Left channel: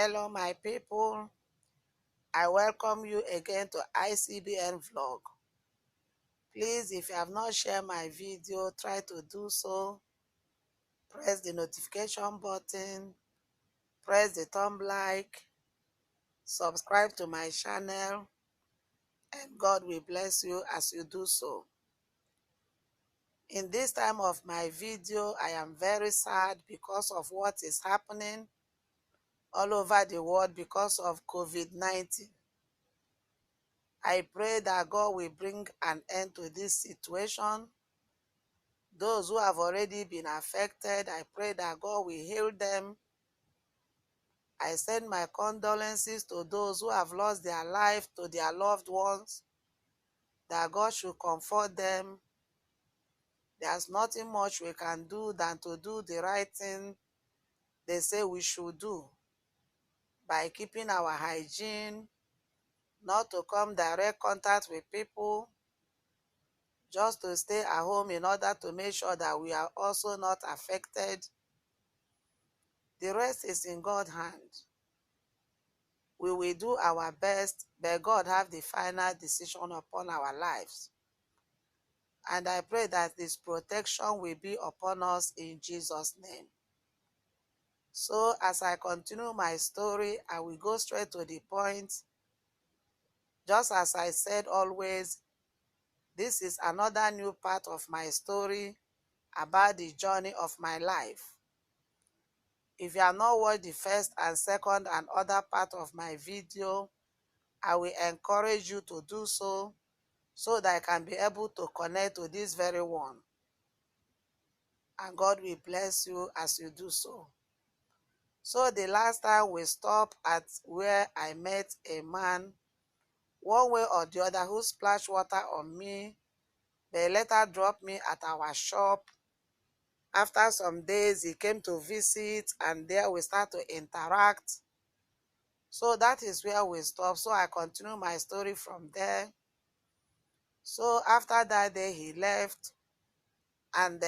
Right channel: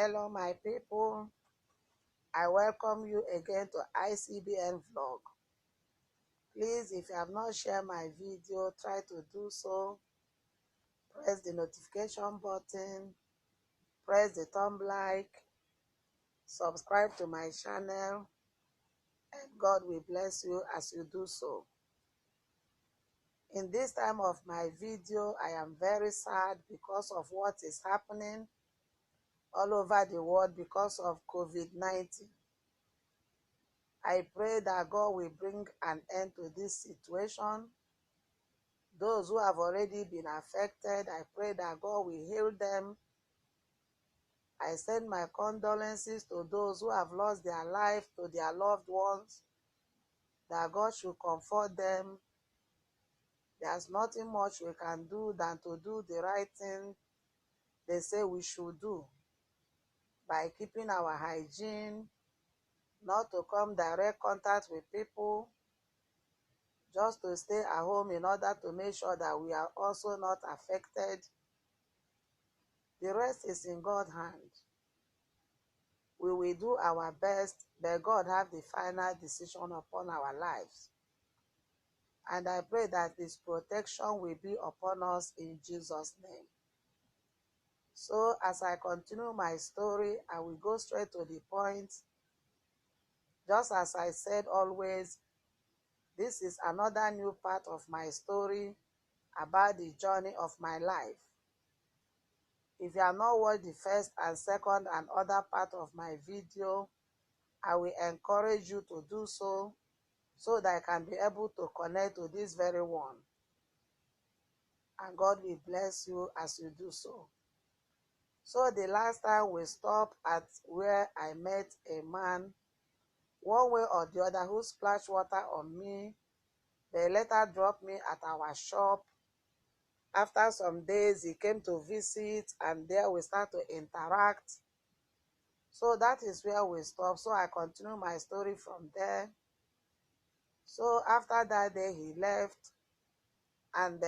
Hello, my people. I welcome you again to ICBN Vlog. Please, if you have not shared my video, try to do so. Press the notification button, press the thumb like, subscribe to my channel, and God will bless you as you do so. In this time of my video, I am very sad because of what is happening all over the world because of COVID-19. I pray that God will bring an end to this situation. Those who have already been affected, I pray that God will heal them. I send my condolences to those who have lost their life, to their loved ones, that God should comfort them. There's nothing much we can do than to do the right thing they say we should do by keeping our hygiene, not to come direct contact with people, just to stay at home in order to make sure that we are also not affected. The rest is in God's hand. We will do our best, but God have the final decision upon our lives. And I pray that His protection will be upon us in Jesus' name. So as I continue my story, I will go straight to the point. Just as I said always, this is another new part of my story about the journey of my life. If you have not watched the first and second and other part of my video, I will encourage you to do so that I can be able to connect to this very one. And God will bless you as you do so. So the last time we stopped at where I met a man, one way or the other, who splashed water on me. They later dropped me at our shop. After some days, he came to visit, and there we start to interact. So that is where we stopped. So I continue my story from there. So after that day, he left, and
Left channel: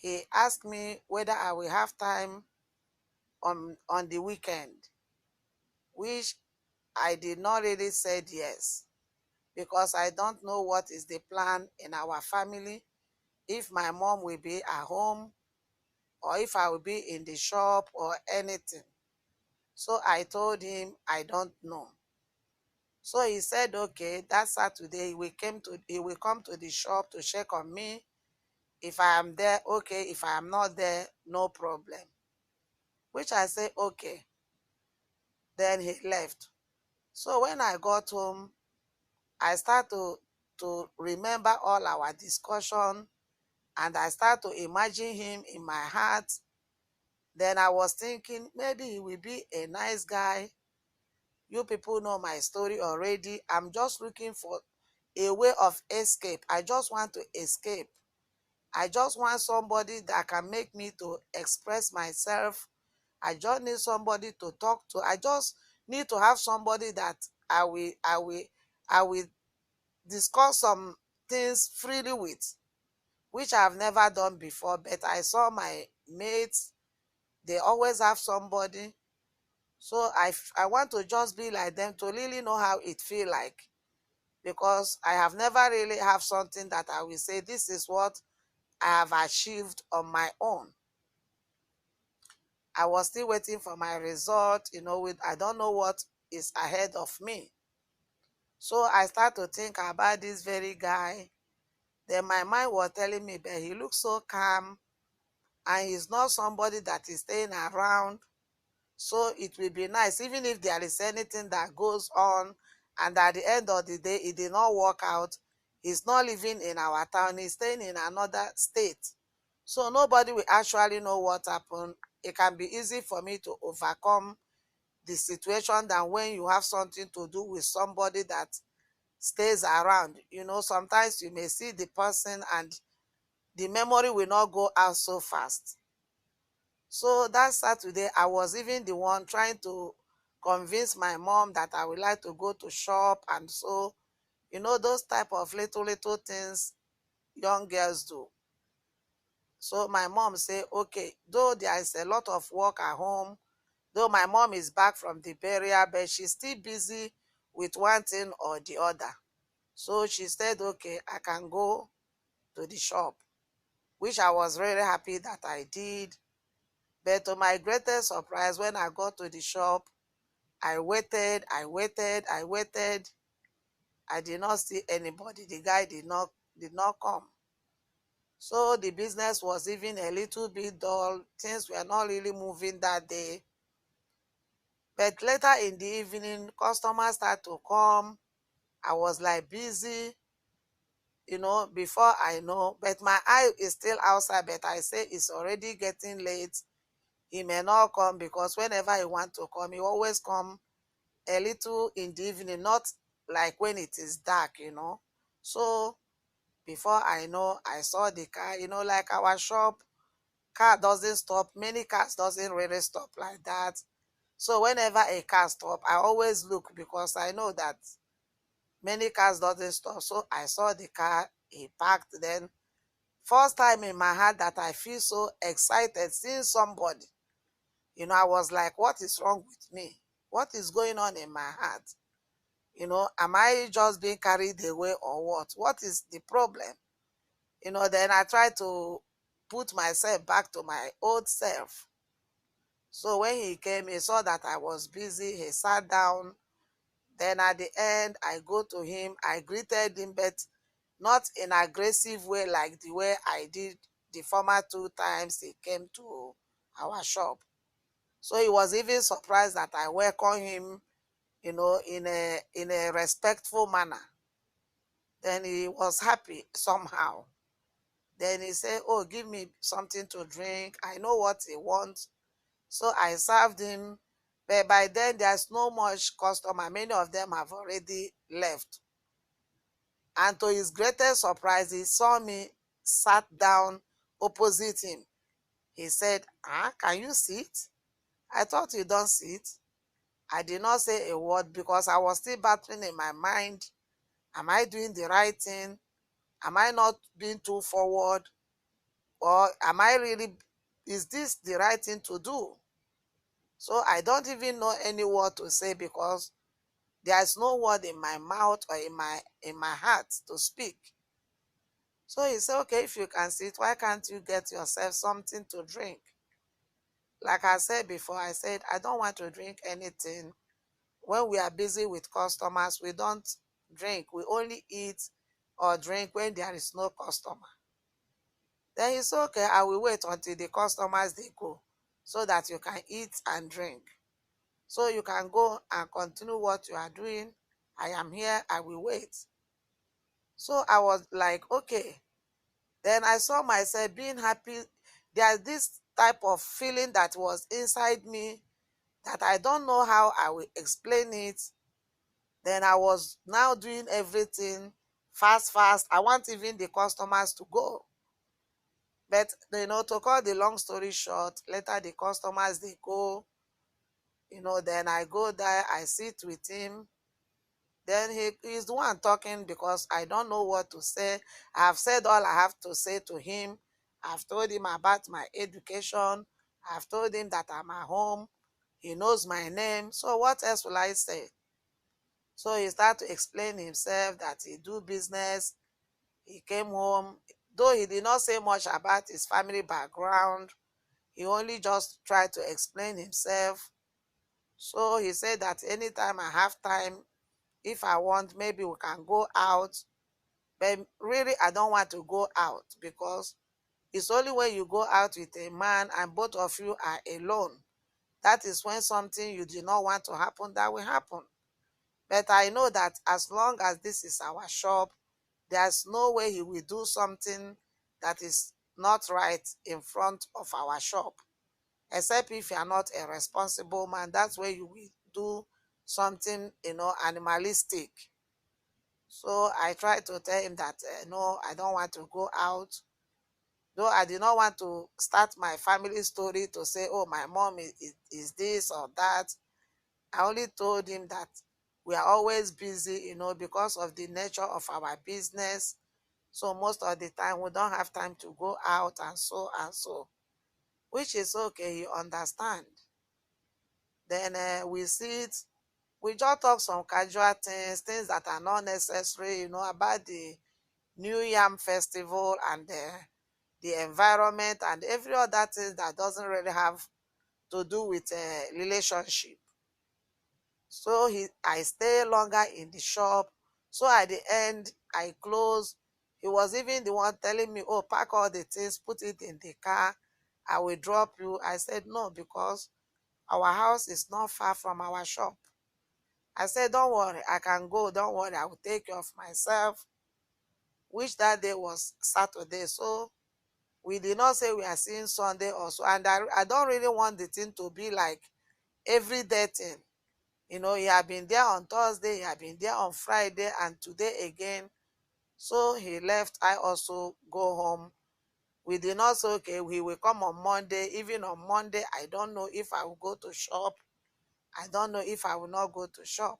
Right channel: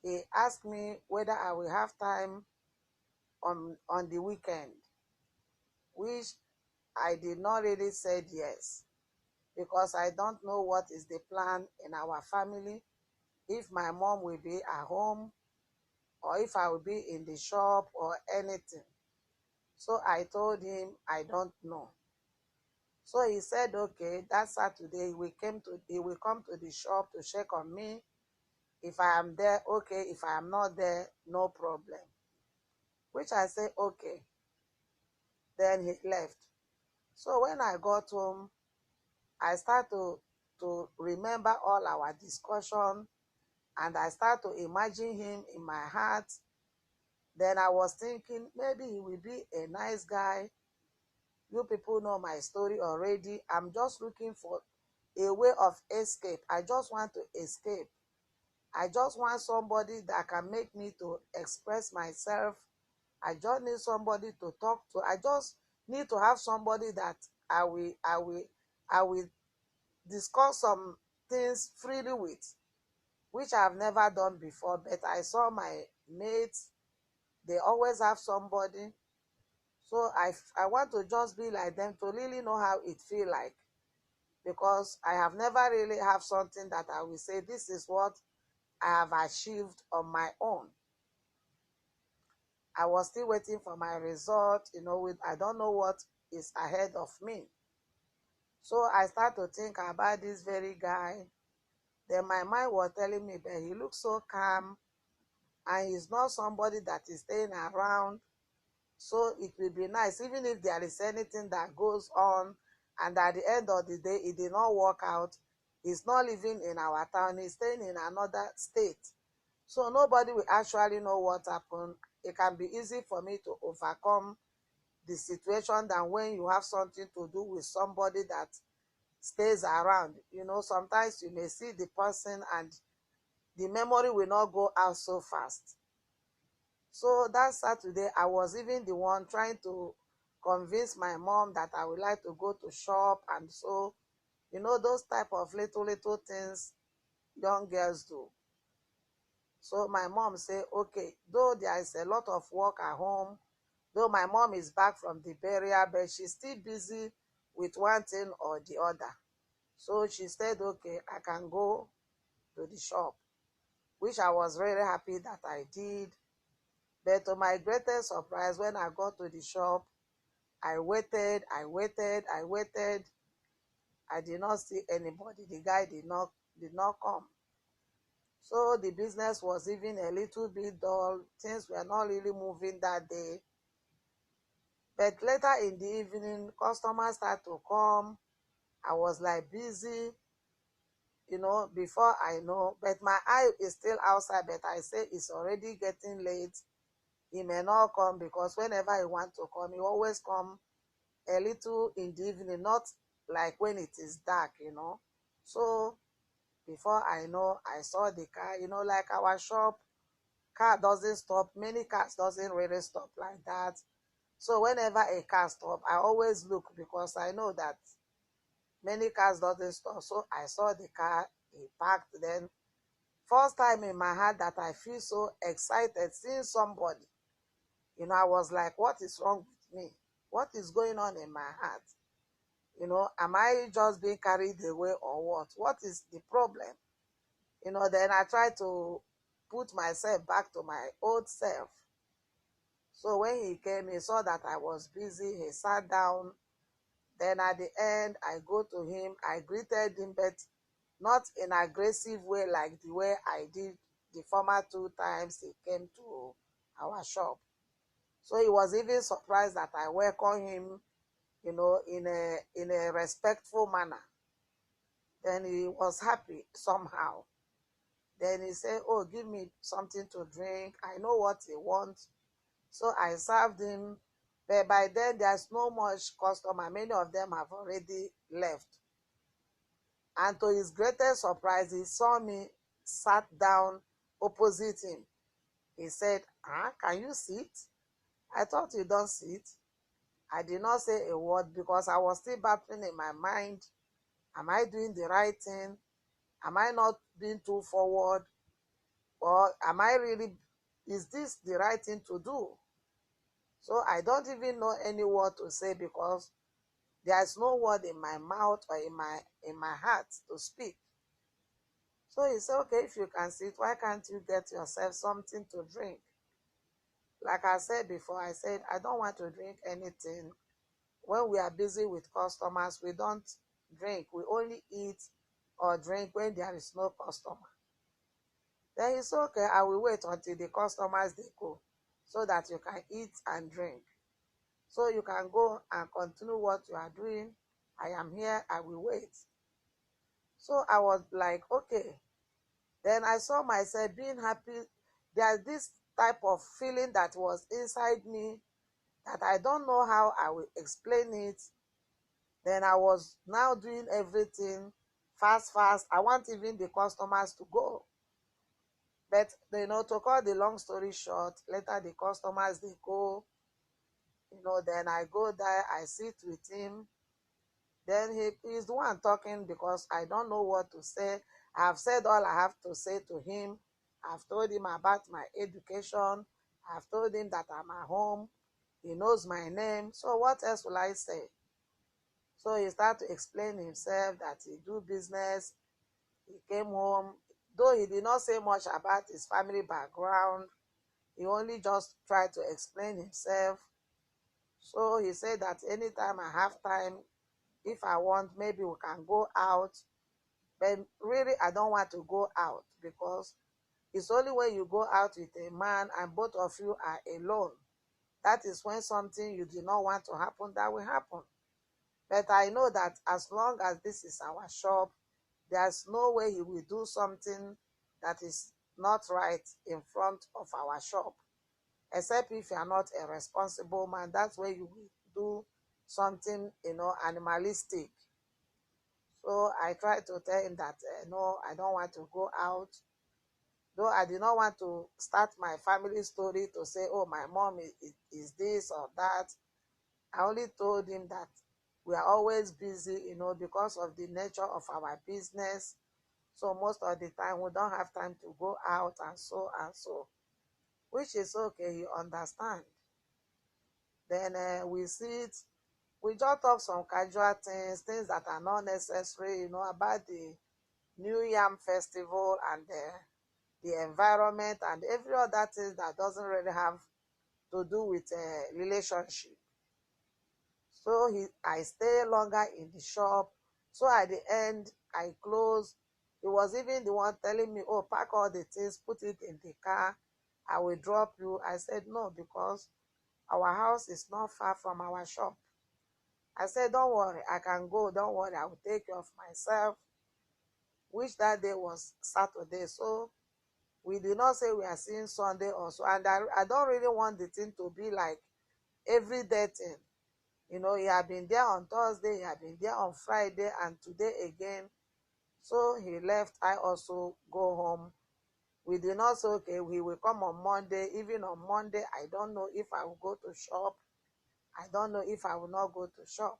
he asked me whether I will have time on the weekend, which I did not really said yes, because I don't know what is the plan in our family, if my mom will be at home or if I will be in the shop or anything. So I told him I don't know. So he said, okay, that Saturday he will come to the shop to check on me. If I am there, okay. If I am not there, no problem. Which I say, okay. Then he left. So when I got home, I start to remember all our discussion, and I start to imagine him in my heart. Then I was thinking, maybe he will be a nice guy. You people know my story already. I'm just looking for a way of escape. I just want to escape. I just want somebody that can make me to express myself. I just need somebody to talk to. I just need to have somebody that I will discuss some things freely with, which I've never done before. But I saw my mates, they always have somebody. So I want to just be like them, to really know how it feel like, because I have never really have something that I will say, this is what I have achieved on my own. I was still waiting for my result, I don't know what is ahead of me. So I start to think about this very guy. Then my mind was telling me, but he looks so calm, and he's not somebody that is staying around. So it will be nice, even if there is anything that goes on, and at the end of the day, it did not work out. He's not living in our town, he's staying in another state. So nobody will actually know what happened. It can be easy for me to overcome the situation than when you have something to do with somebody that stays around. Sometimes you may see the person and the memory will not go out so fast. So that Saturday, I was even the one trying to convince my mom that I would like to go to shop, and so, those type of little things young girls do. So my mom said, okay, though there is a lot of work at home, Though my mom is back from the burial, but she's still busy with one thing or the other. So she said, okay, I can go to the shop, which I was really happy that I did. But to my greatest surprise, when I got to the shop, I waited, I waited, I waited. I did not see anybody. The guy did not come. So the business was even a little bit dull. Things were not really moving that day. But later in the evening, customers started to come. I was like busy, before I know. But my eye is still outside, but I say it's already getting late. He may not come because whenever he want to come, he always come a little in the evening, not like when it is dark. So before I know, I saw the car, like our shop, car doesn't stop. Many cars doesn't really stop like that. So whenever a car stop, I always look because I know that many cars doesn't stop. So I saw the car, he parked. Then first time in my heart that I feel so excited seeing somebody. I was like, what is wrong with me? What is going on in my heart? Am I just being carried away or what? What is the problem? Then I tried to put myself back to my old self. So when he came, he saw that I was busy. He sat down. Then at the end, I go to him. I greeted him, but not in an aggressive way like the way I did the former two times he came to our shop. So he was even surprised that I welcomed him, in a respectful manner. Then he was happy somehow. Then he said, oh, give me something to drink. I know what he wants. So I served him. But by then, there's no much customer. Many of them have already left. And to his greatest surprise, he saw me sat down opposite him. He said, can you sit? I thought you don't sit. I did not say a word because I was still battling in my mind. Am I doing the right thing? Am I not being too forward? Or is this the right thing to do? So I don't even know any word to say because there's no word in my mouth or in my heart to speak. So he said, okay, if you can sit, why can't you get yourself something to drink? Like I said before, I said, I don't want to drink anything. When we are busy with customers, we don't drink. We only eat or drink when there is no customer. Then he said, okay, I will wait until the customers, they go so that you can eat and drink. So you can go and continue what you are doing. I am here. I will wait. So I was like, okay. Then I saw myself being happy. There's this type of feeling that was inside me that I don't know how I will explain it. Then I was now doing everything fast, fast. I want even the customers to go. But, to cut the long story short, later the customers, they go, then I go there, I sit with him. Then he's the one talking because I don't know what to say. I've said all I have to say to him. I've told him about my education. I've told him that I'm at home. He knows my name. So what else will I say? So he started to explain himself that he do business. He came home. Though he did not say much about his family background, he only just tried to explain himself. So he said that anytime I have time, if I want, maybe we can go out. But really, I don't want to go out because it's only when you go out with a man and both of you are alone. That is when something you do not want to happen, that will happen. But I know that as long as this is our shop, there's no way he will do something that is not right in front of our shop. Except if you are not a responsible man, that's where you will do something, animalistic. So I tried to tell him that, no, I don't want to go out. Though I did not want to start my family story to say, oh, my mom is this or that. I only told him that we are always busy, because of the nature of our business. So most of the time we don't have time to go out and so, which is okay, you understand. Then we sit, we just talk some casual things, things that are not necessary, about the New Yam Festival and the environment and every other thing that doesn't really have to do with a relationship. So I stay longer in the shop. So at the end, I close. He was even the one telling me, oh, pack all the things, put it in the car. I will drop you. I said, no, because our house is not far from our shop. I said, don't worry, I can go. Don't worry, I will take care of myself, which that day was Saturday. So we did not say we are seeing Sunday also. And I don't really want the thing to be like everyday thing. He had been there on Thursday, he had been there on Friday, and today again. So he left. I also go home. We did not say, okay, we will come on Monday. Even on Monday, I don't know if I will go to shop. I don't know if I will not go to shop.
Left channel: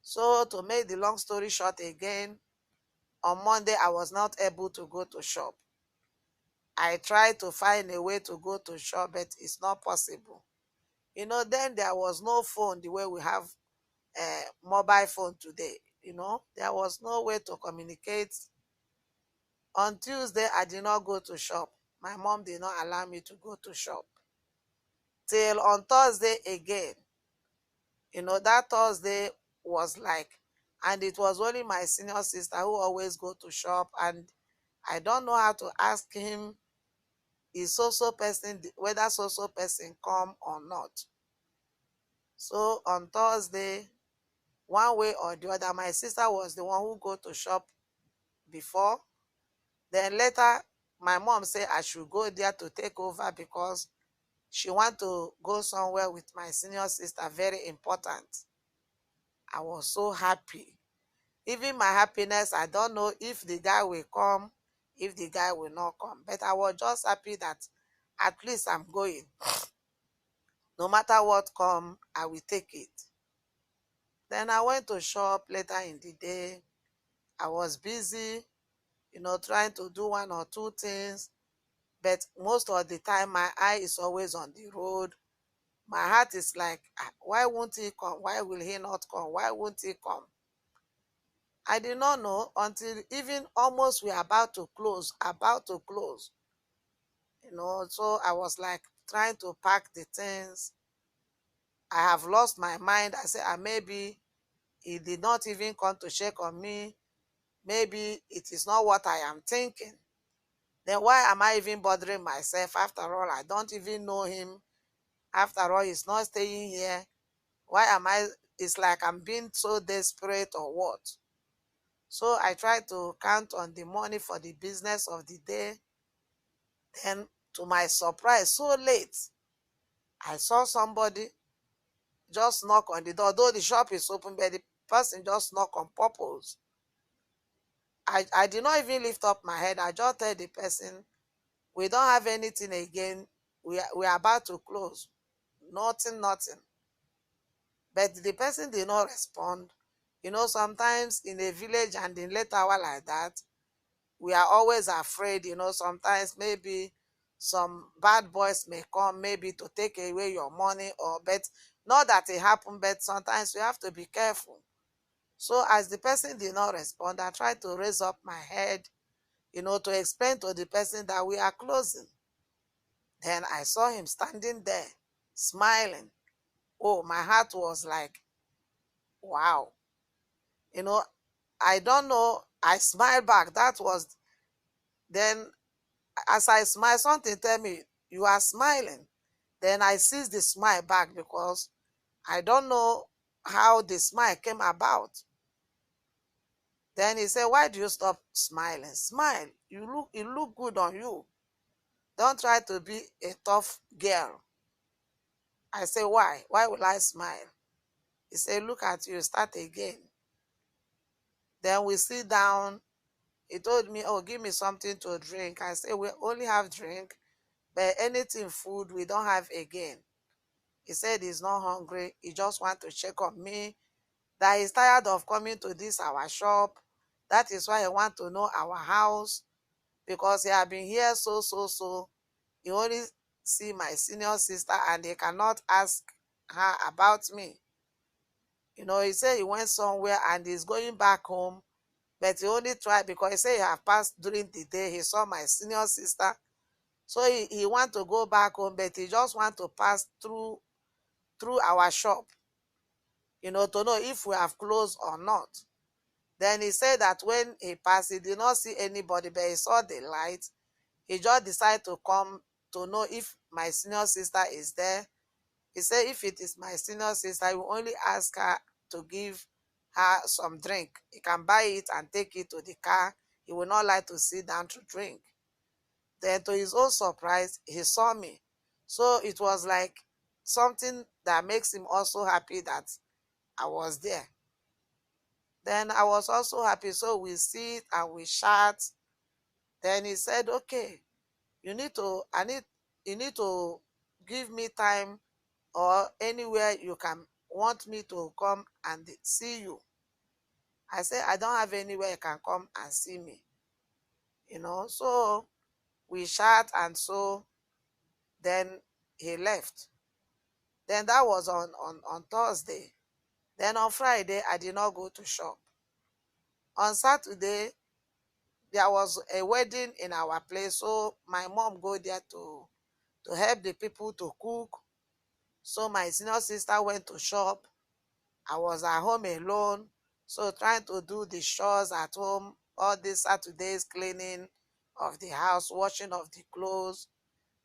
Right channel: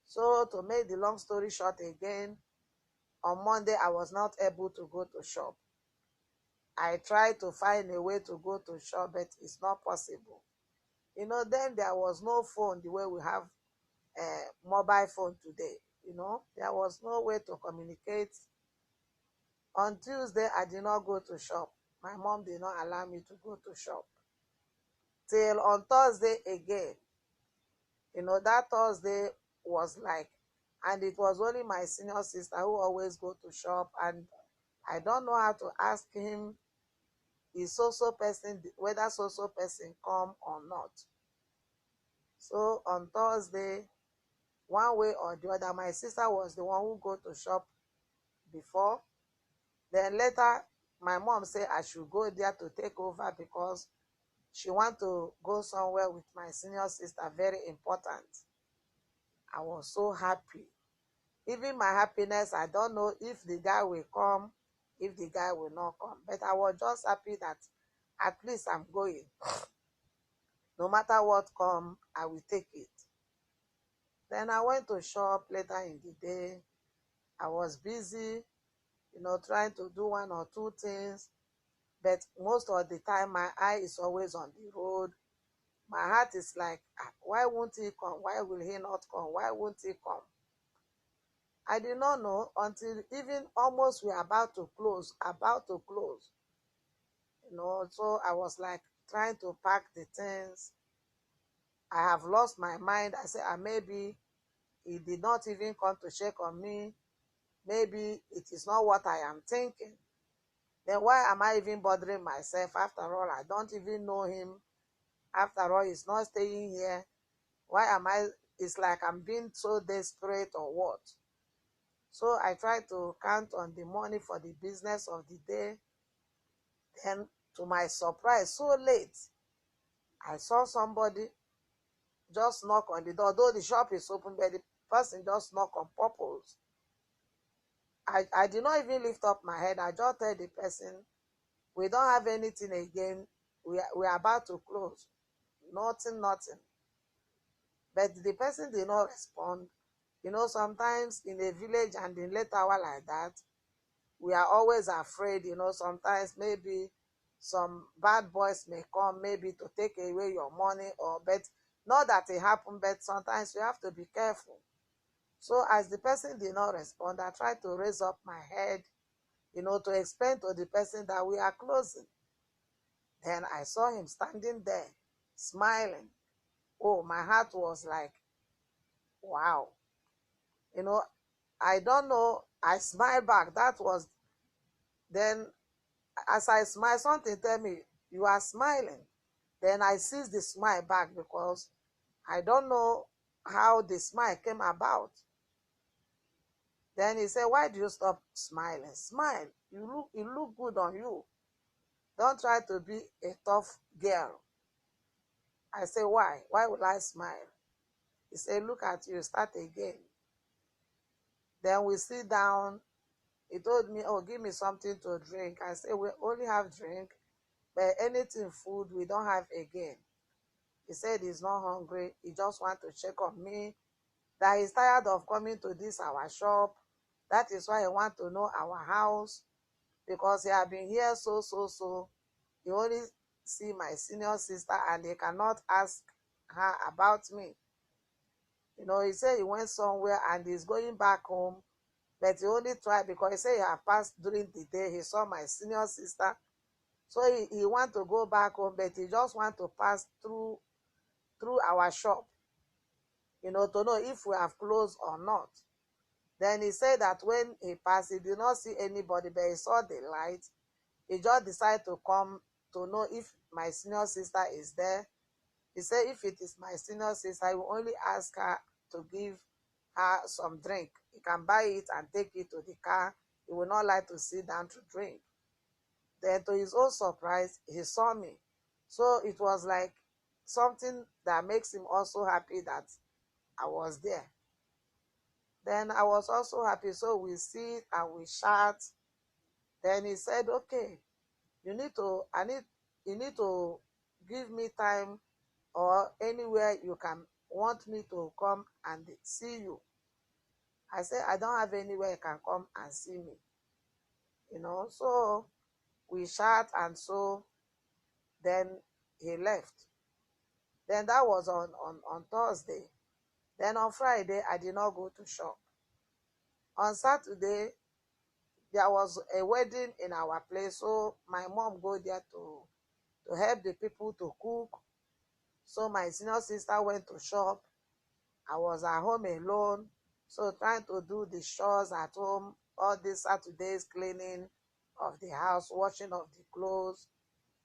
So to make the long story short again, on Monday, I was not able to go to shop. I tried to find a way to go to shop, but it's not possible. Then there was no phone the way we have a mobile phone today. There was no way to communicate. On Tuesday, I did not go to shop. My mom did not allow me to go to shop. Till on Thursday again. That Thursday was like, and it was only my senior sister who always go to shop, and I don't know how to ask him is so person, whether so person come or not. So on Thursday, one way or the other, my sister was the one who go to shop before. Then later, my mom said I should go there to take over because she want to go somewhere with my senior sister, very important. I was so happy. Even my happiness, I don't know if the guy will come, if the guy will not come. But I was just happy that at least I'm going. No matter what come, I will take it. Then I went to shop later in the day. I was busy, trying to do one or two things. But most of the time, my eye is always on the road. My heart is like, why won't he come? Why will he not come? Why won't he come? I did not know until even almost we are about to close. So I was like trying to pack the things. I have lost my mind. I said, maybe he did not even come to check on me. Maybe it is not what I am thinking. Then why am I even bothering myself? After all, I don't even know him. After all, he's not staying here. Why am I? It's like I'm being so desperate or what? So I tried to count on the money for the business of the day. Then, to my surprise, so late, I saw somebody just knock on the door. Though the shop is open, but the person just knock on purpose. I did not even lift up my head. I just told the person, we don't have anything again. We are about to close. Nothing. But the person did not respond. Sometimes in a village and in late hour like that, we are always afraid. Sometimes maybe some bad boys may come, maybe to take away your money, but not that it happened, but sometimes we have to be careful. So as the person did not respond, I tried to raise up my head, to explain to the person that we are closing. Then I saw him standing there, smiling. Oh, my heart was like, wow. I don't know. I smiled back. That was then, as I smiled, something tell me, you are smiling. Then I seized the smile back because I don't know how the smile came about. Then he said, why do you stop smiling? Smile. It look good on you. Don't try to be a tough girl. I say, why? Why will I smile? He said, look at you, start again. Then we sit down. He told me, oh, give me something to drink. I said, we only have drink, but anything food we don't have again. He said he's not hungry. He just want to check on me, that he's tired of coming to this our shop. That is why he want to know our house, because he have been here so. He only see my senior sister and he cannot ask her about me. He said he went somewhere and he's going back home, but he only tried because he said he had passed during the day. He saw my senior sister. So he want to go back home, but he just want to pass through our shop, to know if we have closed or not. Then he said that when he passed, he did not see anybody, but he saw the light. He just decided to come to know if my senior sister is there. He said if it is my senior sister, he will only ask her to give her some drink. He can buy it and take it to the car. He will not like to sit down to drink. Then to his own surprise, he saw me. So it was like something that makes him also happy that I was there. Then I was also happy. So we sit and we chat. Then he said, okay, you need to give me time or anywhere you can want me to come and see you. I said, I don't have anywhere you can come and see me. So we chat, and so then he left. Then that was on Thursday. Then on Friday, I did not go to shop. On Saturday, there was a wedding in our place, so my mom go there to help the people to cook. So my senior sister went to shop. I was at home alone, so trying to do the chores at home, all these Saturdays, cleaning of the house, washing of the clothes,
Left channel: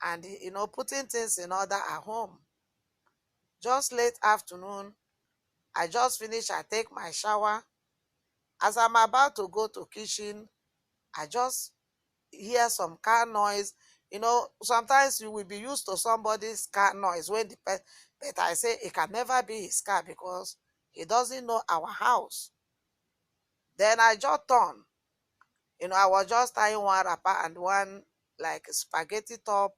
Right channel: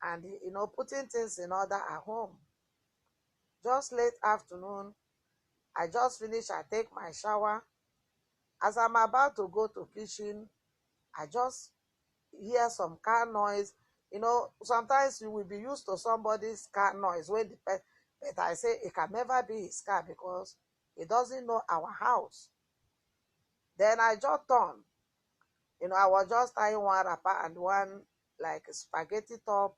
and putting things in order at home. Just late afternoon, I just finished. I take my shower. As I'm about to go to kitchen, I just hear some car noise. Sometimes you will be used to somebody's car noise when but I say it can never be his car because he doesn't know our house. Then I just turn. I was just tying one wrapper and one like spaghetti top.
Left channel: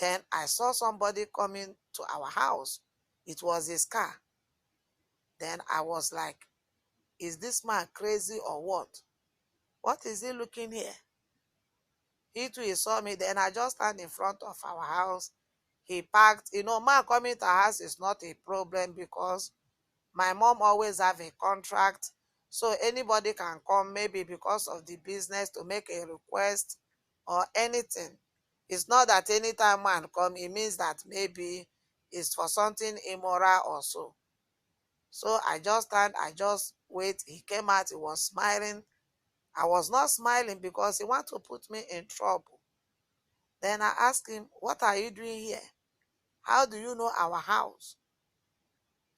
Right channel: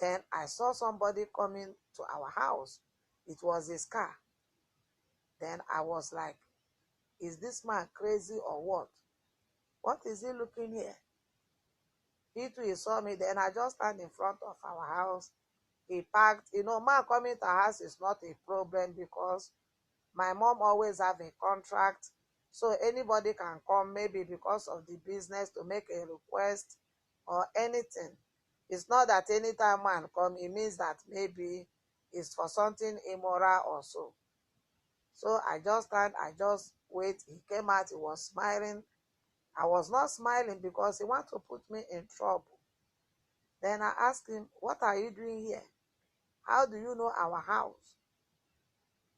Then I saw somebody coming to our house. It was his car. Then I was like, is this man crazy or what? What is he looking here? He too, he saw me. Then I just stand in front of our house. He parked. Man coming to our house is not a problem because my mom always have a contract. So anybody can come, maybe because of the business, to make a request or anything. It's not that anytime man come, it means that maybe it's for something immoral or so. So I just stand, I just wait. He came out, he was smiling. I was not smiling because he wanted to put me in trouble. Then I asked him, what are you doing here? How do you know our house?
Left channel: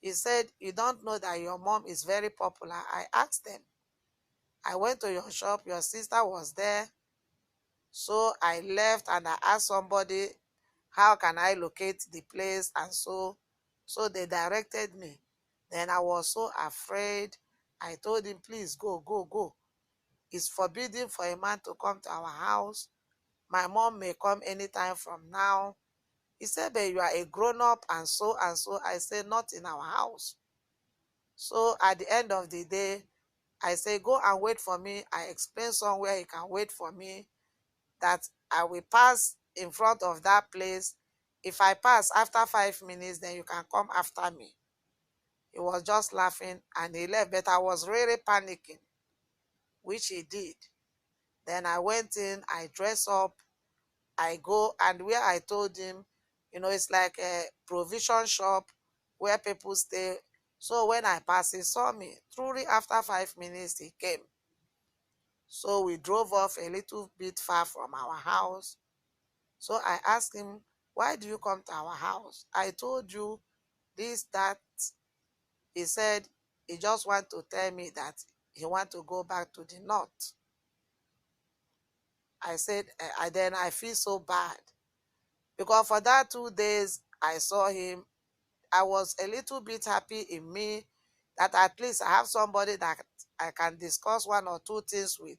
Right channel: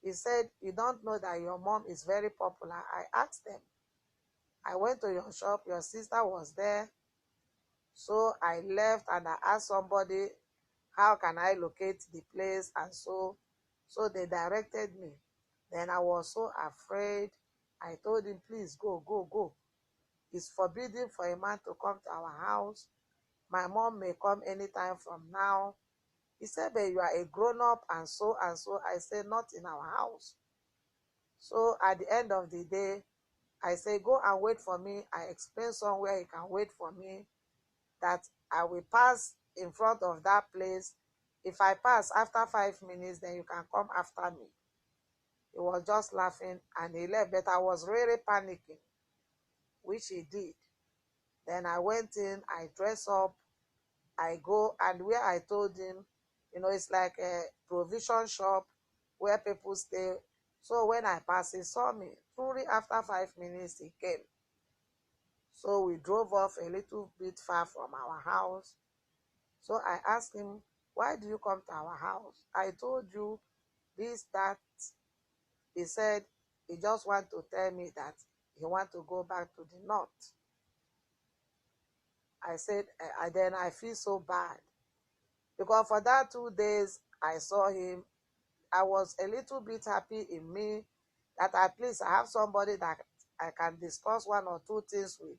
He said, you don't know that your mom is very popular. I asked them. I went to your shop, your sister was there. So I left and I asked somebody, how can I locate the place? And so they directed me. Then I was so afraid. I told him, please go, go, go. It's forbidden for a man to come to our house. My mom may come anytime from now. He said, but you are a grown-up and so and so. I said, not in our house. So at the end of the day, I say, go and wait for me. I explain somewhere you can wait for me, that I will pass in front of that place. If I pass after 5 minutes, then you can come after me. He was just laughing and he left, but I was really panicking, which he did. Then I went in, I dress up, I go, and where I told him, it's like a provision shop where people stay. So when I passed, he saw me. Truly, after 5 minutes, he came. So we drove off a little bit far from our house. So I asked him, why do you come to our house? I told you this, that. He said he just want to tell me that he want to go back to the north. I said, then I feel so bad. Because for that 2 days, I saw him. I was a little bit happy in me that at least I have somebody that I can discuss one or two things with.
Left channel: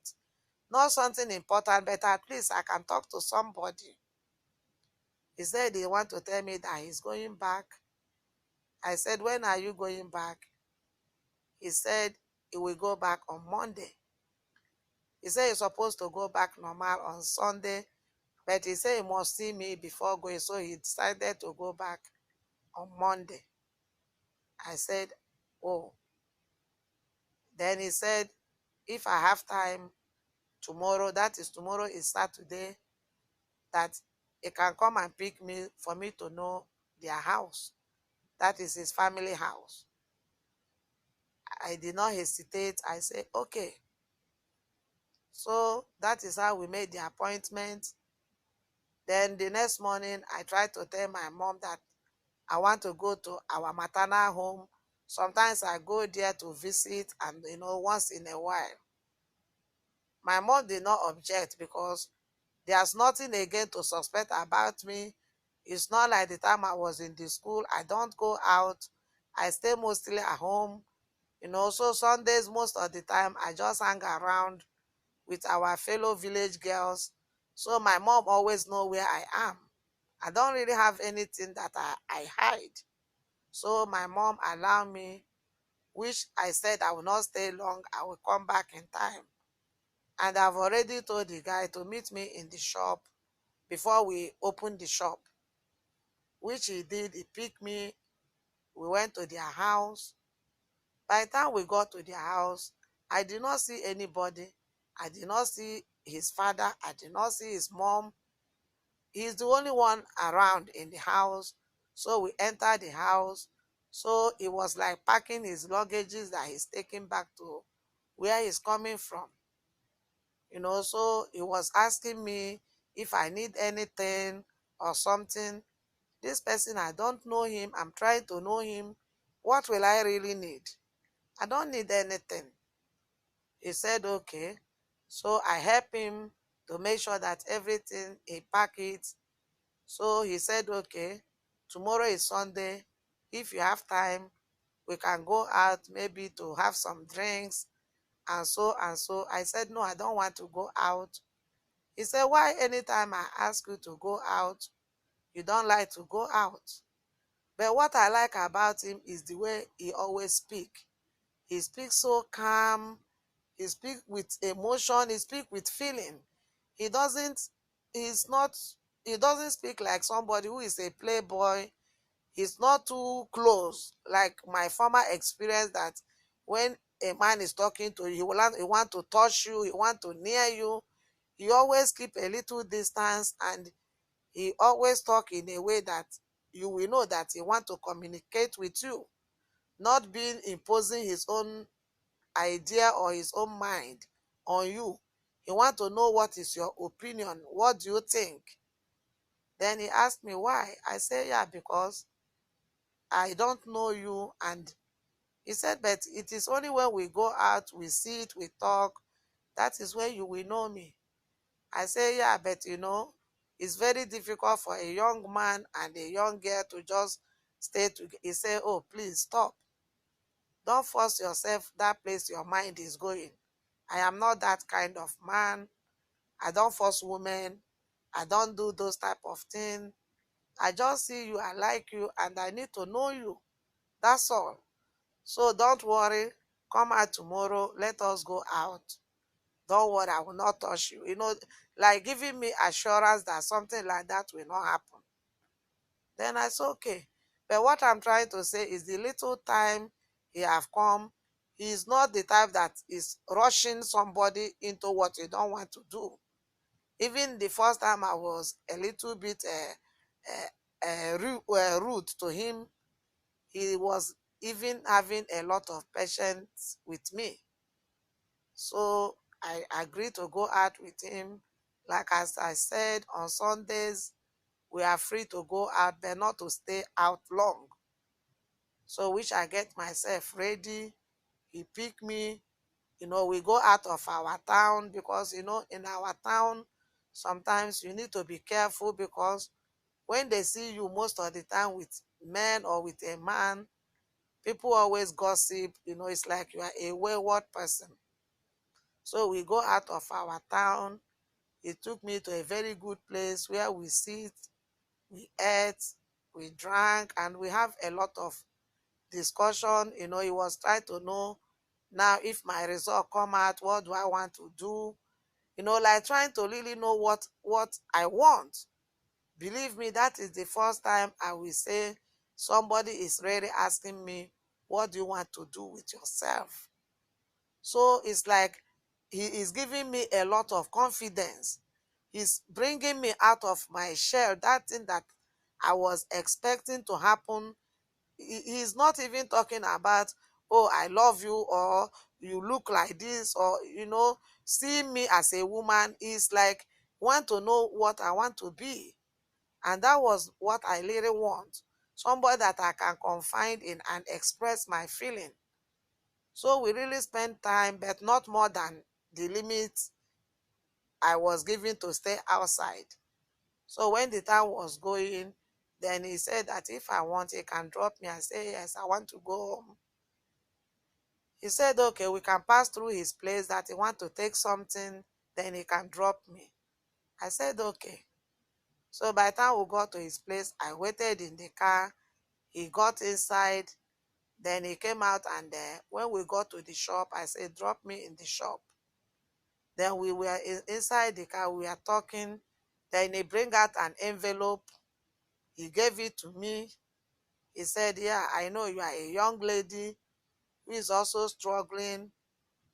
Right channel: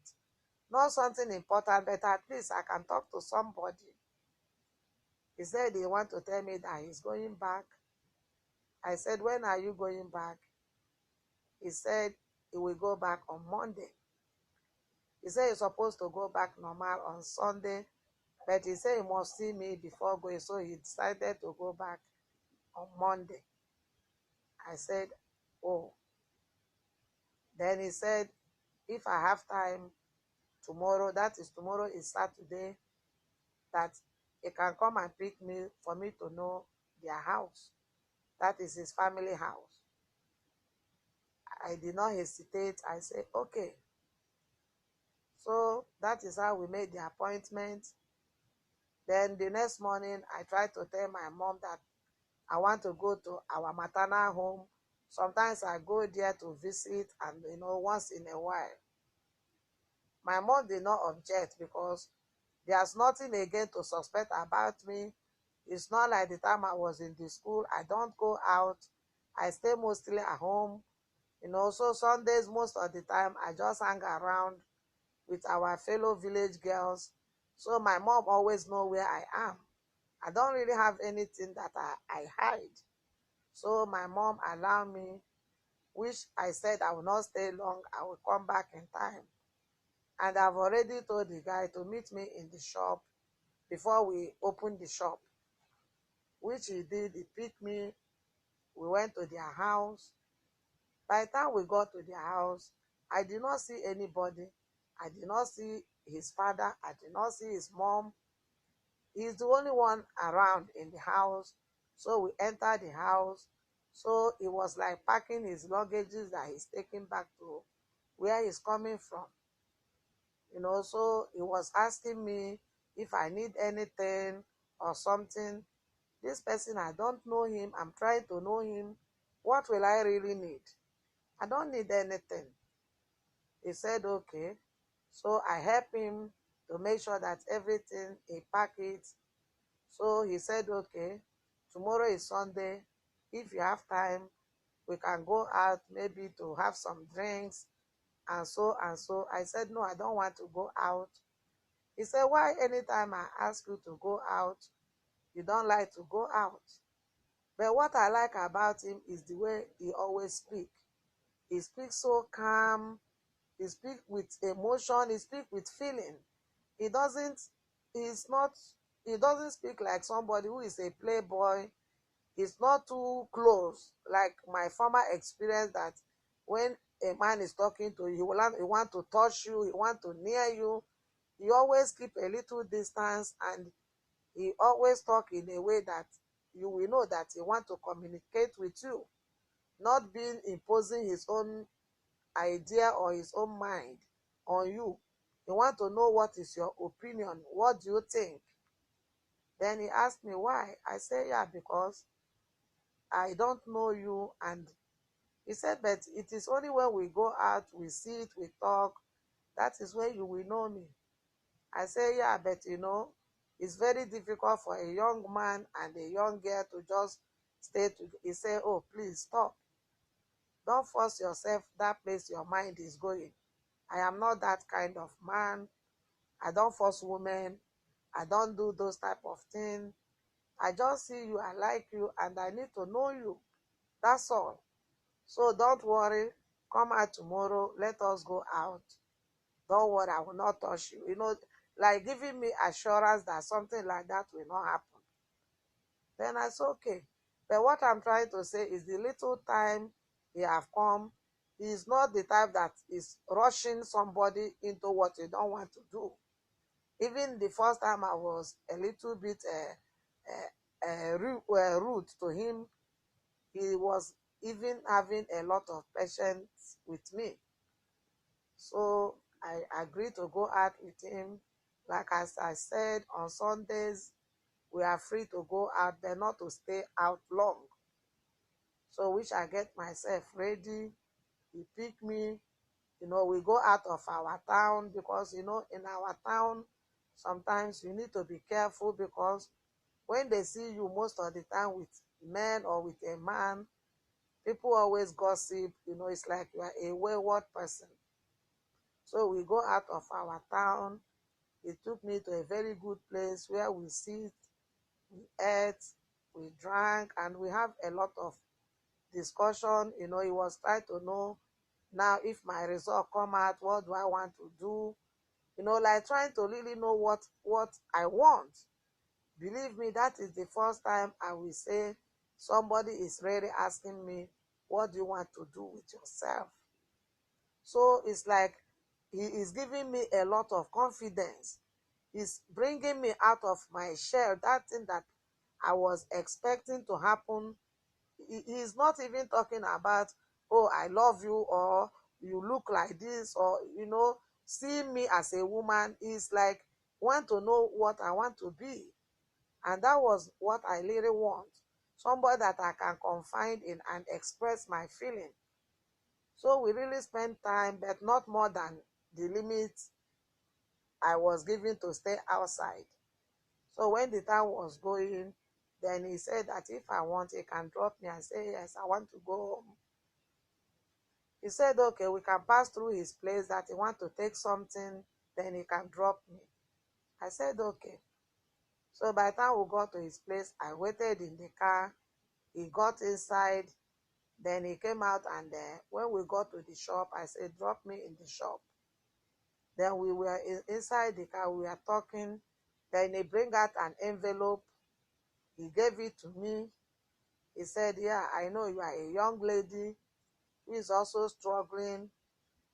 Not something important, but at least I can talk to somebody. He said he want to tell me that he's going back. I said, when are you going back? He said he will go back on Monday. He said he's supposed to go back normal on Sunday, but he said he must see me before going, so he decided to go back on Monday. I said, oh. Then he said, if I have time tomorrow, that is tomorrow is Saturday, that he can come and pick me for me to know their house. That is his family house. I did not hesitate. I said, okay. So that is how we made the appointment. Then the next morning, I tried to tell my mom that I want to go to our maternal home. Sometimes I go there to visit and, once in a while. My mom did not object because there's nothing again to suspect about me. It's not like the time I was in the school. I don't go out. I stay mostly at home. So Sundays, most of the time, I just hang around with our fellow village girls. So my mom always know where I am. I don't really have anything that I hide. So my mom allowed me, which I said I will not stay long. I will come back in time. And I've already told the guy to meet me in the shop before we opened the shop, which he did. He picked me. We went to their house. By the time we got to their house, I did not see anybody. I did not see his father. I did not see his mom. He's the only one around in the house. So we entered the house. So it was like packing his luggages that he's taking back to where he's coming from. So he was asking me if I need anything or something. This person, I don't know him. I'm trying to know him. What will I really need? I don't need anything. He said, okay. So I helped him to make sure that everything, he packed it. So he said, okay, tomorrow is Sunday. If you have time, we can go out maybe to have some drinks and so and so. I said, no, I don't want to go out. He said, why anytime I ask you to go out, you don't like to go out? But what I like about him is the way he always speaks. He speaks so calm. He speaks with emotion. He speaks with feeling. He doesn't, he's not, he doesn't speak like somebody who is a playboy. He's not too close, like my former experience, that when a man is talking to you, he want to touch you, he want to near you. He always keep a little distance, and he always talk in a way that you will know that he want to communicate with you, not being imposing his own idea or his own mind on you. He want to know what is your opinion, what do you think. Then he asked me why. I said, yeah, because I don't know you. And he said, but it is only when we go out, we sit, we talk, that is when you will know me. I say, yeah, but it's very difficult for a young man and a young girl to just stay together. He said, oh, please stop. Don't force yourself that place your mind is going. I am not that kind of man. I don't force women. I don't do those type of things. I just see you, I like you, and I need to know you. That's all. So don't worry. Come out tomorrow. Let us go out. Don't worry, I will not touch you. Like giving me assurance that something like that will not happen. Then I said, okay. But what I'm trying to say is the little time he have come, he is not the type that is rushing somebody into what you don't want to do. Even the first time I was a little bit rude to him, he was even having a lot of patience with me. So I agreed to go out with him. Like as I said, on Sundays, we are free to go out, but not to stay out long. So which I get myself ready. He picked me. We go out of our town because, in our town, sometimes you need to be careful because when they see you most of the time with men or with a man, people always gossip. It's like you are a wayward person. So we go out of our town. He took me to a very good place where we sit, we ate, we drank, and we have a lot of discussion. He was trying to know now if my result come out, what do I want to do? Like trying to really know what I want. Believe me, that is the first time I will say somebody is really asking me, what do you want to do with yourself? So it's like he is giving me a lot of confidence. He's bringing me out of my shell, that thing that I was expecting to happen. He's not even talking about, oh, I love you, or you look like this, or, seeing me as a woman. Is like, want to know what I want to be. And that was what I really want. Somebody that I can confide in and express my feeling. So we really spent time, but not more than the limit I was given to stay outside. So when the time was going, then he said that if I want, he can drop me. I say, yes, I want to go home. He said, okay, we can pass through his place, that he want to take something, then he can drop me. I said, okay. So by the time we got to his place, I waited in the car. He got inside. Then he came out, and when we got to the shop, I said, drop me in the shop. Then we were inside the car, we were talking. Then he bring out an envelope. He gave it to me. He said, yeah, I know you are a young lady who is also struggling.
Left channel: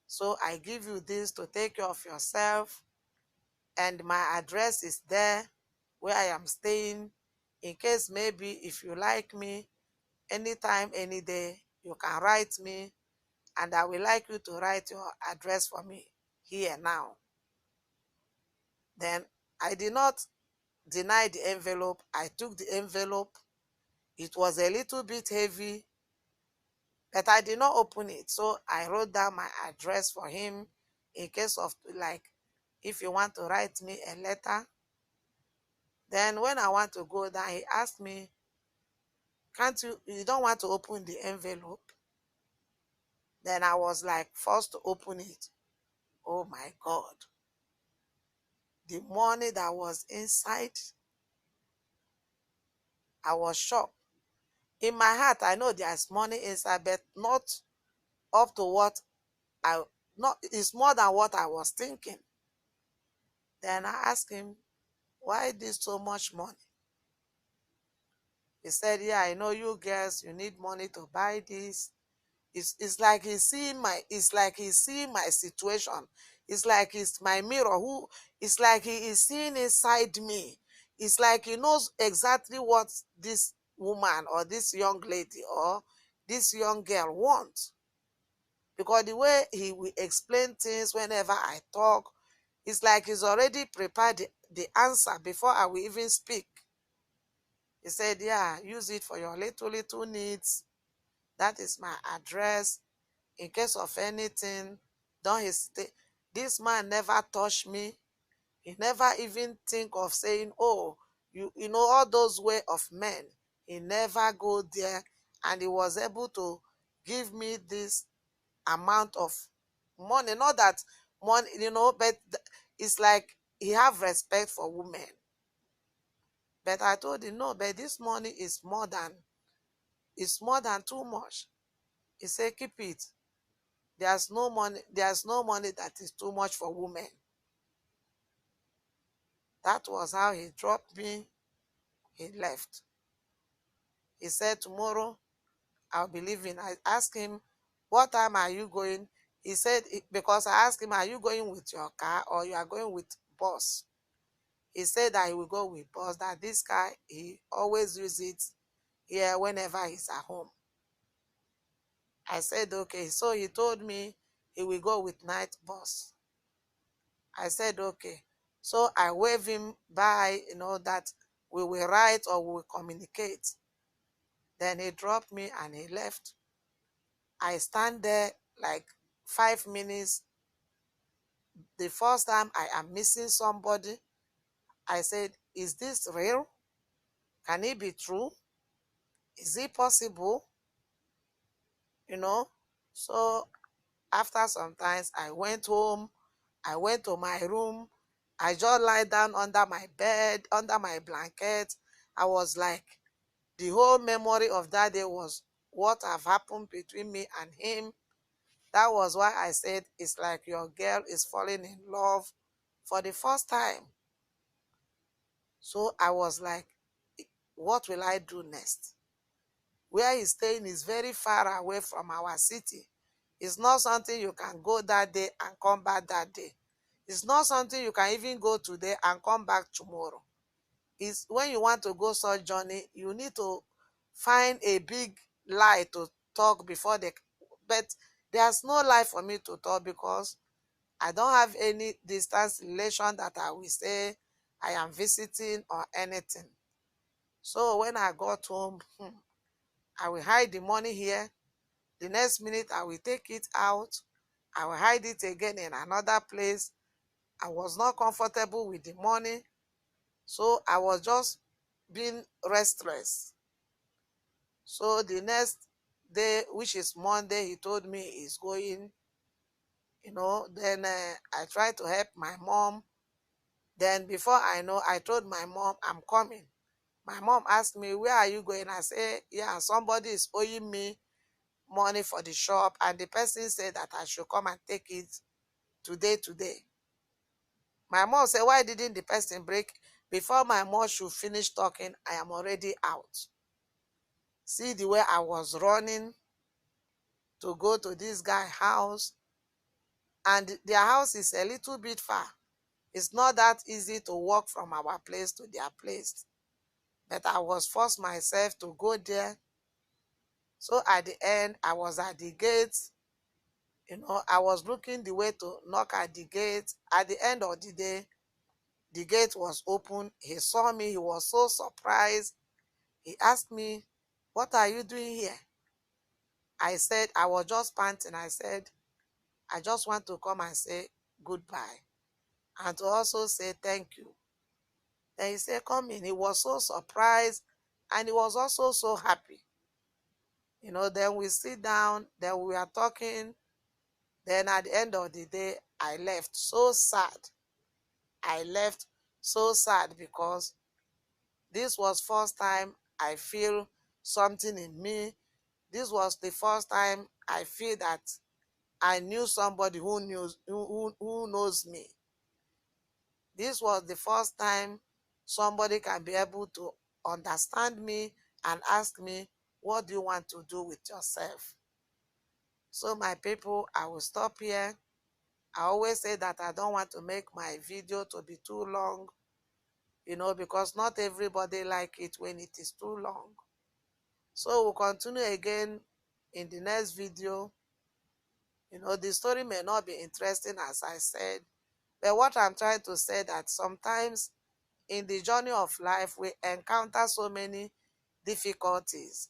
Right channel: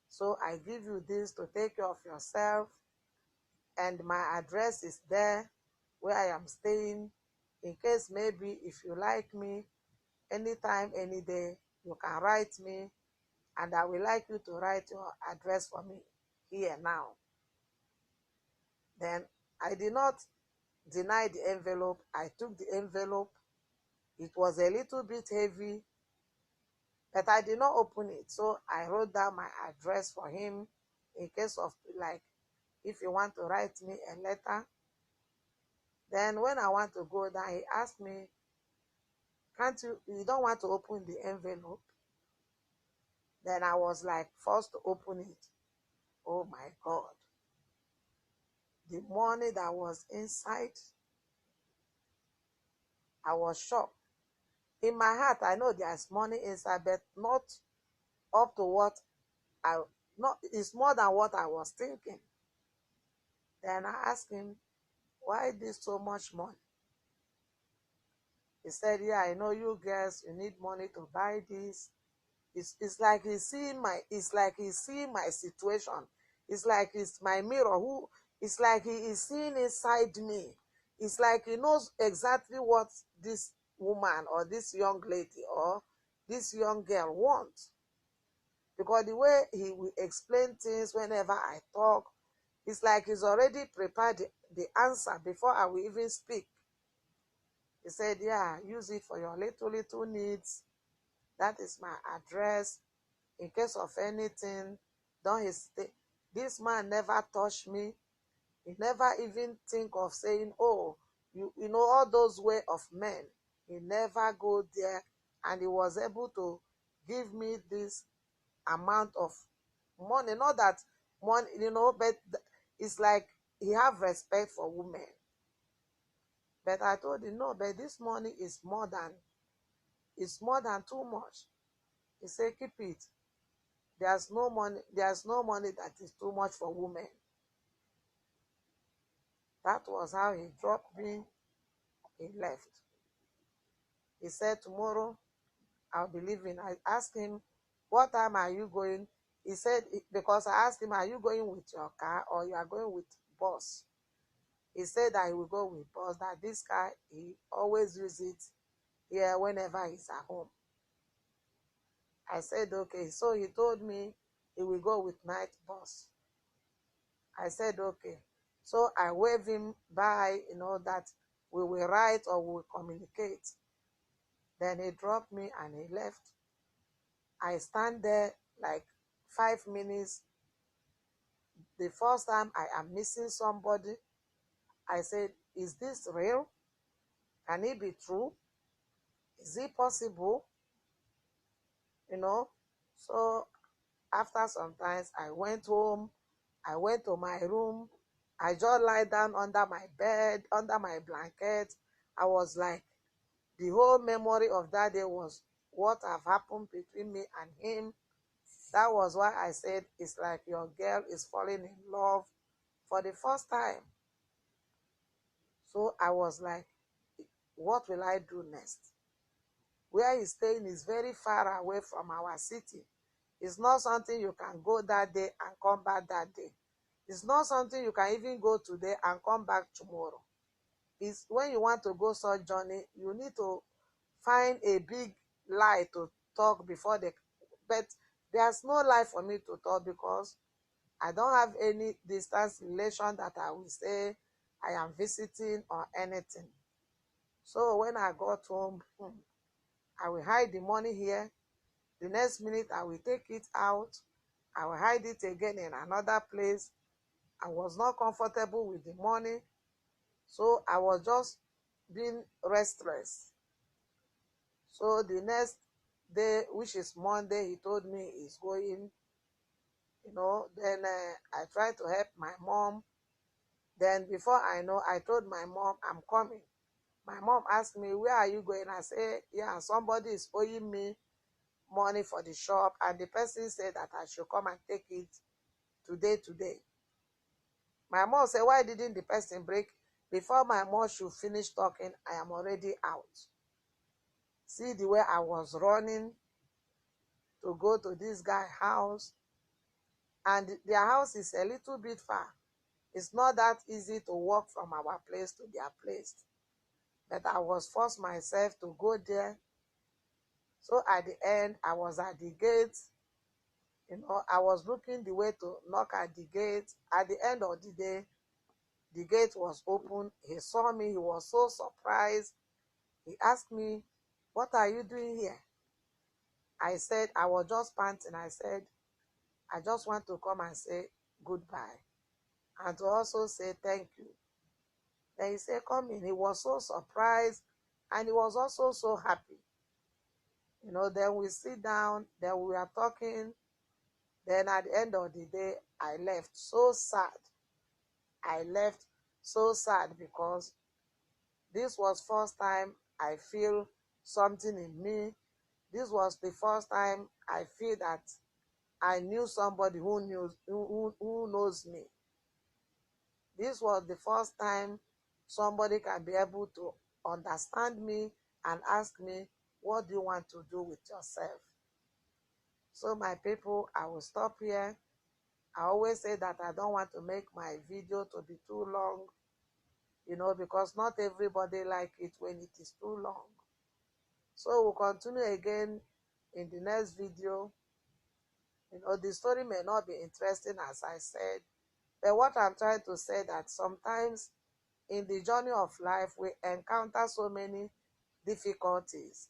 So I give you this to take care of yourself. And my address is there where I am staying. In case maybe if you like me, anytime, any day, you can write me. And I will like you to write your address for me here now. Then I did not deny the envelope. I took the envelope. It was a little bit heavy, but I did not open it. So I wrote down my address for him in case of, like, if you want to write me a letter. Then when I want to go down, he asked me, can't you don't want to open the envelope? Then I was like forced to open it. Oh my God. The money that was inside, I was shocked. In my heart, I know there's money inside, but not up to what I, not, it's more than what I was thinking. Then I asked him, why this so much money? He said, yeah, I know you girls, you need money to buy this. It's like he's seeing my situation. It's like it's my mirror. It's like he is seeing inside me. It's like he knows exactly what this woman or this young lady or this young girl wants. Because the way he will explain things whenever I talk, it's like he's already prepared the answer before I will even speak. He said, yeah, use it for your little needs. That is my address. In case of anything, don't hesitate. This man never touched me. He never even think of saying, oh, you know, all those way of men. He never go there. And he was able to give me this amount of money. Not that money, but it's like he have respect for women. But I told him, no, but this money is more than too much. He said, keep it. There's no money that is too much for women. That was how he dropped me. He left. He said, tomorrow I'll be leaving. I asked him, what time are you going? He said, because I asked him, are you going with your car or you are going with bus? He said that he will go with bus, that this car, he always uses it here whenever he's at home. I said, okay. So he told me he will go with night bus. I said, okay. So I waved him by, that we will write or we will communicate. Then he dropped me and he left. I stand there like 5 minutes. The first time I am missing somebody, I said, is this real? Can it be true? Is it possible? So after some times, I went home. I went to my room. I just lie down under my bed, under my blanket. I was like, the whole memory of that day was what have happened between me and him. That was why I said it's like your girl is falling in love for the first time. So I was like, what will I do next? where he's staying is very far away from our city. It's not something you can go that day and come back that day. It's not something you can even go today and come back tomorrow. It's when you want to go such journey, you need to find a big lie to talk before they. But there's no lie for me to talk because I don't have any distance relation that I will say I am visiting or anything. So when I got home, I will hide the money here. The next minute, I will take it out. I will hide it again in another place. I was not comfortable with the money. So I was just being restless. So the next day, which is Monday, he told me he's going, Then I tried to help my mom. Then before I know, I told my mom, I'm coming. My mom asked me, where are you going? I said, yeah, somebody is owing me money for the shop, and the person said that I should come and take it today. My mom said, why didn't the person break? Before my mom should finish talking, I am already out. See the way I was running to go to this guy's house, and their house is a little bit far. It's not that easy to walk from our place to their place, but I was forced myself to go there. So at the end, I was at the gate. I was looking the way to knock at the gate. At the end of the day, the gate was open. He saw me. He was so surprised. He asked me, what are you doing here? I said, I was just panting. I said, I just want to come and say goodbye and to also say thank you. Then he said, come in. He was so surprised and he was also so happy. Then we sit down, then we are talking. Then at the end of the day, I left so sad. I left so sad because this was first time I feel something in me. This was the first time I feel that I knew somebody who knows me. This was the first time somebody can be able to understand me and ask me, what do you want to do with yourself? So my people, I will stop here. I always say that I don't want to make my video to be too long, because not everybody like it when it is too long. So we'll continue again in the next video. The story may not be interesting as I said, but what I'm trying to say that sometimes in the journey of life, we encounter so many difficulties.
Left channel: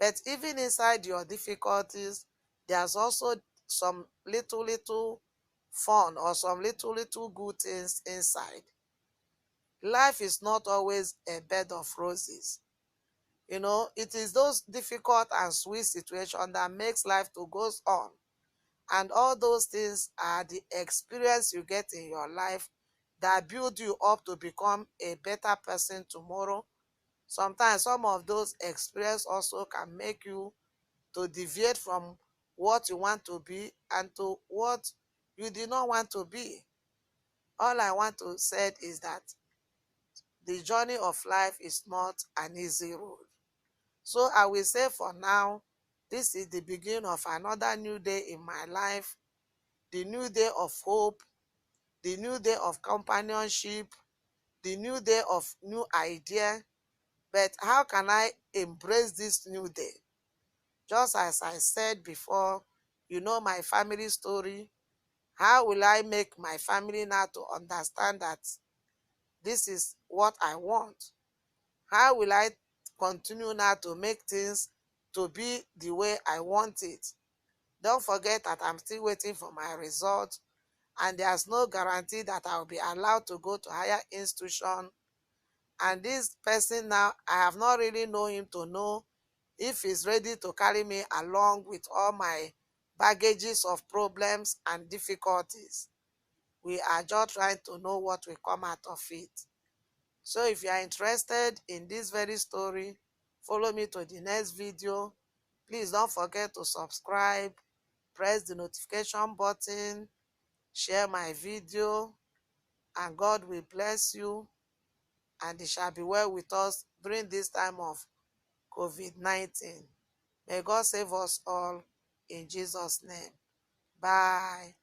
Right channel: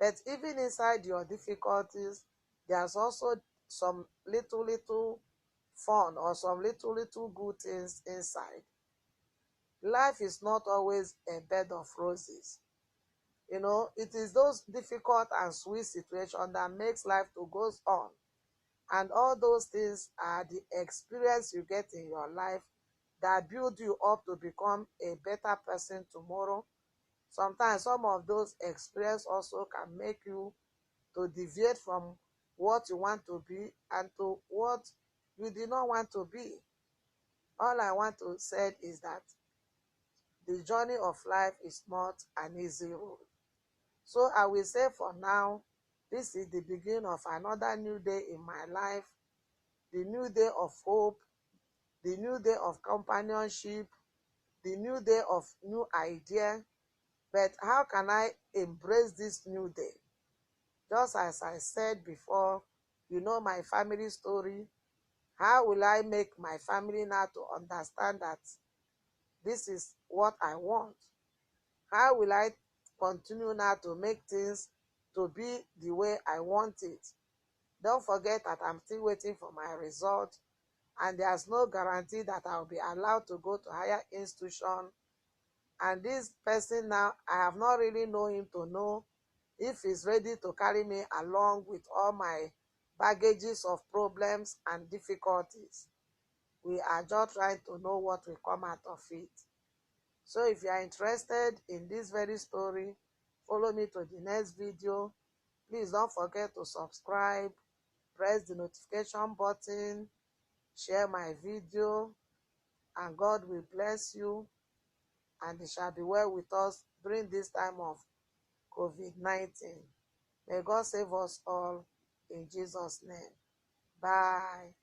But even inside your difficulties, there's also some little fun or some little good things inside. Life is not always a bed of roses. It is those difficult and sweet situations that makes life to go on. And all those things are the experience you get in your life that build you up to become a better person tomorrow. Sometimes some of those experiences also can make you to deviate from what you want to be and to what you did not want to be. All I want to say is that the journey of life is not an easy road. So I will say for now, this is the beginning of another new day in my life, the new day of hope, the new day of companionship, the new day of new idea. But how can I embrace this new day? Just as I said before, my family story. How will I make my family now to understand that this is what I want? How will I continue now to make things to be the way I want it? Don't forget that I'm still waiting for my result, and there's no guarantee that I'll be allowed to go to higher institution. And this person now, I have not really known him to know if he's ready to carry me along with all my baggages of problems and difficulties. We are just trying to know what will come out of it. So if you are interested in this very story, follow me to the next video. Please don't forget to subscribe, press the notification button, share my video, and God will bless you, and it shall be well with us during this time of COVID-19. May God save us all in Jesus' name. Bye.